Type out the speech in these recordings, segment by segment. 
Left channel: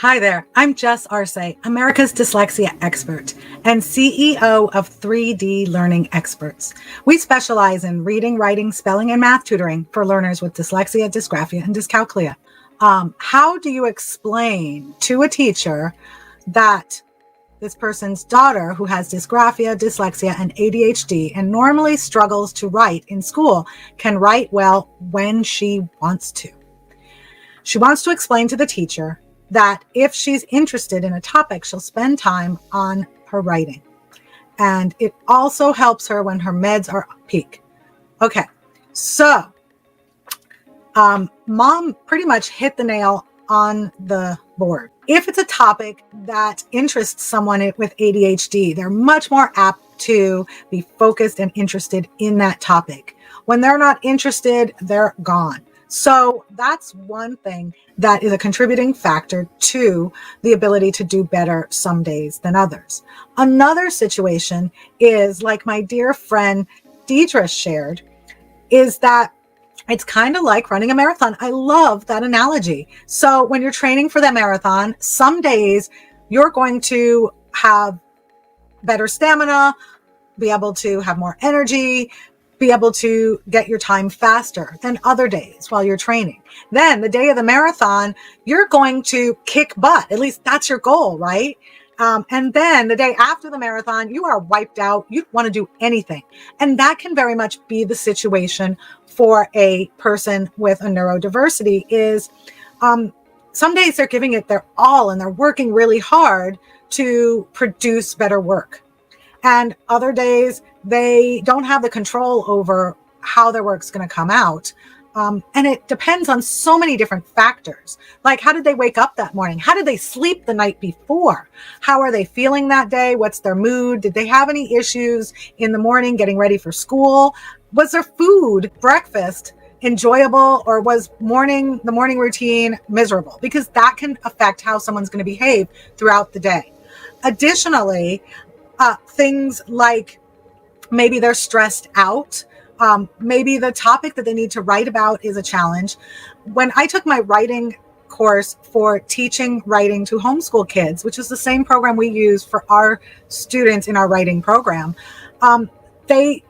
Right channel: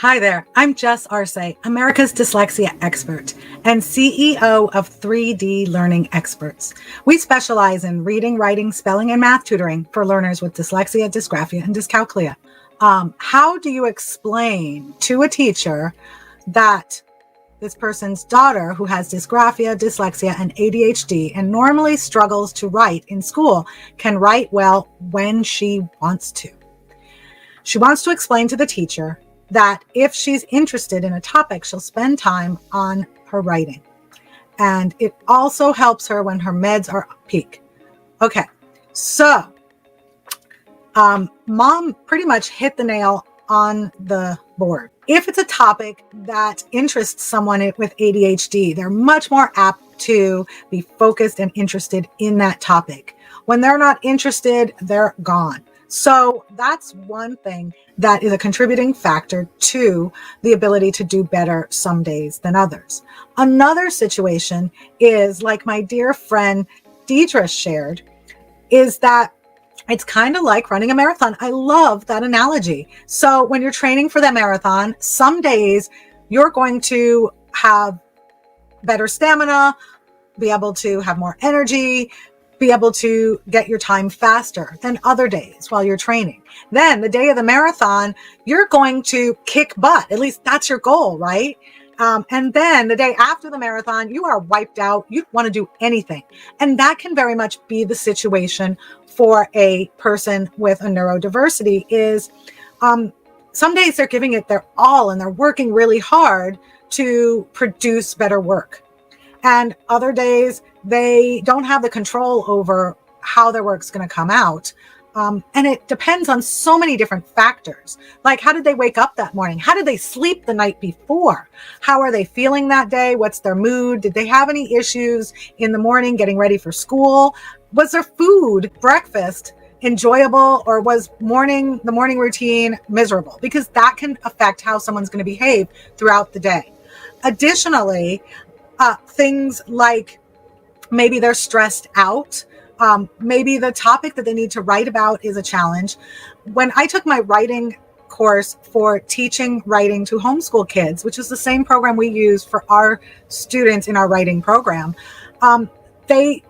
Hi there, I'm Jess Arce, America's dyslexia expert and CEO of 3D Learning Experts. We specialize in reading, writing, spelling, and math tutoring for learners with dyslexia, dysgraphia, and dyscalculia. How do you explain to a teacher that this person's daughter, who has dysgraphia, dyslexia, and ADHD, and normally struggles to write in school, can write well when she wants to? She wants to explain to the teacher that if she's interested in a topic, she'll spend time on her writing. And it also helps her when her meds are peak. Okay, so mom pretty much hit the nail on the board. If it's a topic that interests someone with ADHD, they're much more apt to be focused and interested in that topic. When they're not interested, they're gone. So that's one thing that is a contributing factor to the ability to do better some days than others. Another situation is, like my dear friend Deidre shared, is that it's kind of like running a marathon. I love that analogy. So when you're training for the marathon, some days you're going to have better stamina, be able to have more energy, be able to get your time faster than other days while you're training. Then the day of the marathon, you're going to kick butt. At least that's your goal, right? And then the day after the marathon, you are wiped out. You want to do anything. And that can very much be the situation for a person with a neurodiversity. Is some days they're giving it their all and they're working really hard to produce better work. And other days they don't have the control over how their work's going to come out. And it depends on so many different factors. Like, how did they wake up that morning? How did they sleep the night before? How are they feeling that day? What's their mood? Did they have any issues in the morning getting ready for school? Was their food, breakfast, enjoyable, or was the morning routine miserable? Because that can affect how someone's going to behave throughout the day. Additionally, things like maybe they're stressed out. Maybe the topic that they need to write about is a challenge. When I took my writing course for teaching writing to homeschool kids, which is the same program we use for our students in our writing program, the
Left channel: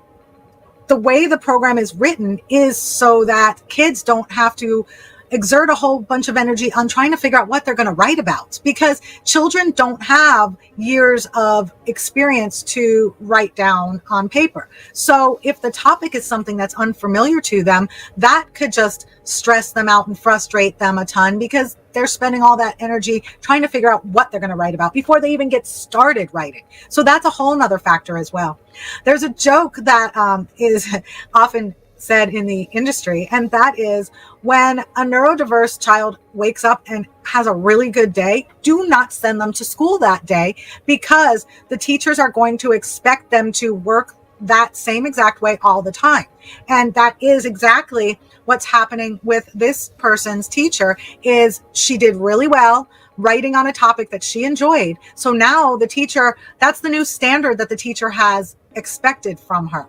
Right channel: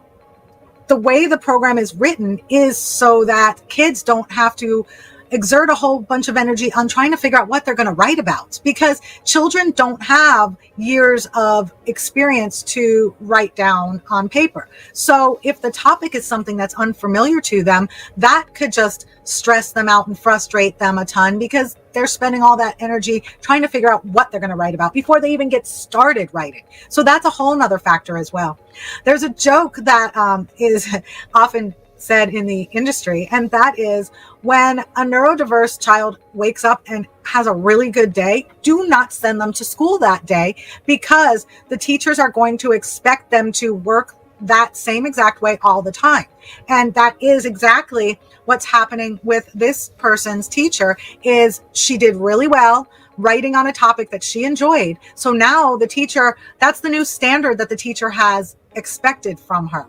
way the program is written is so that kids don't have to exert a whole bunch of energy on trying to figure out what they're going to write about, because children don't have years of experience to write down on paper. So if the topic is something that's unfamiliar to them, that could just stress them out and frustrate them a ton, because they're spending all that energy trying to figure out what they're going to write about before they even get started writing. So that's a whole nother factor as well. There's a joke that is often said in the industry, and that is, when a neurodiverse child wakes up and has a really good day, do not send them to school that day, because the teachers are going to expect them to work that same exact way all the time. And that is exactly what's happening with this person's teacher. Is she did really well writing on a topic that she enjoyed. So now the teacher, that's the new standard that the teacher has expected from her.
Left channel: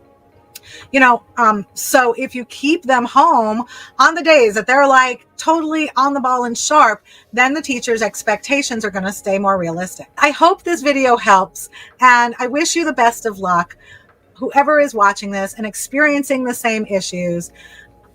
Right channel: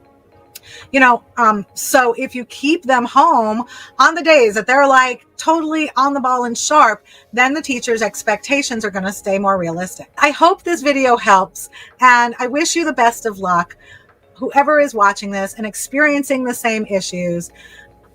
So if you keep them home on the days that they're like totally on the ball and sharp, then the teacher's expectations are going to stay more realistic. I hope this video helps, and I wish you the best of luck, whoever is watching this and experiencing the same issues,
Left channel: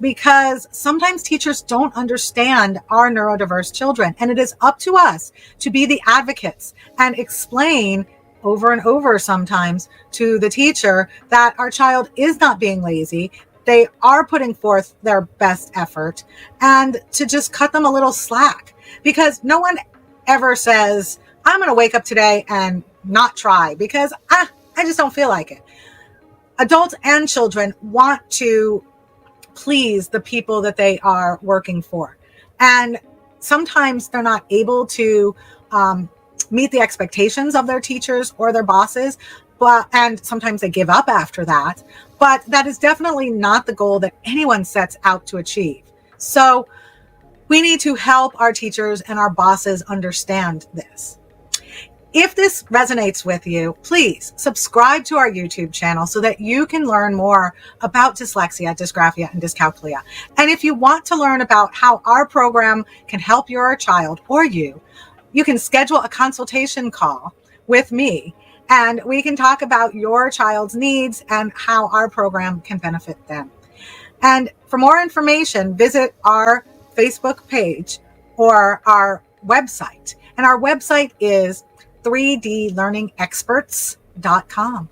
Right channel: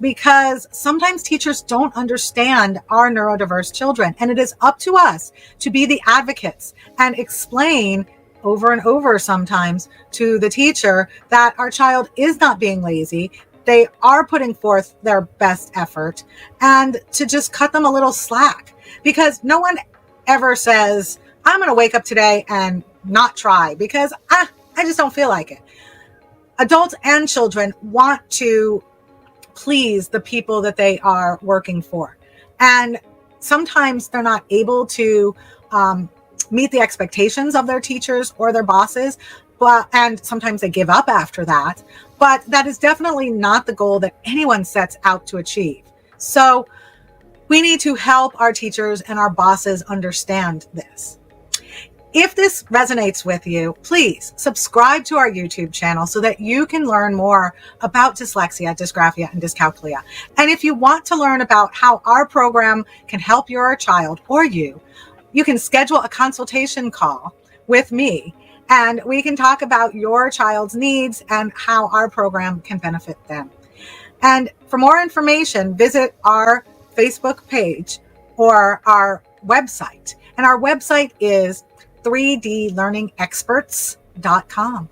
because sometimes teachers don't understand our neurodiverse children, and it is up to us to be the advocates and explain over and over sometimes to the teacher that our child is not being lazy. They are putting forth their best effort, and to just cut them a little slack, because no one ever says, I'm going to wake up today and not try because I just don't feel like it. Adults and children want to please the people that they are working for. And sometimes they're not able to meet the expectations of their teachers or their bosses, and sometimes they give up after that. But that is definitely not the goal that anyone sets out to achieve. So we need to help our teachers and our bosses understand this. If this resonates with you, please subscribe to our YouTube channel so that you can learn more about dyslexia, dysgraphia, and dyscalculia. And if you want to learn about how our program can help your child or you, you can schedule a consultation call with me, and we can talk about your child's needs and how our program can benefit them. And for more information, visit our Facebook page or our website. And our website is 3dlearningexperts.com.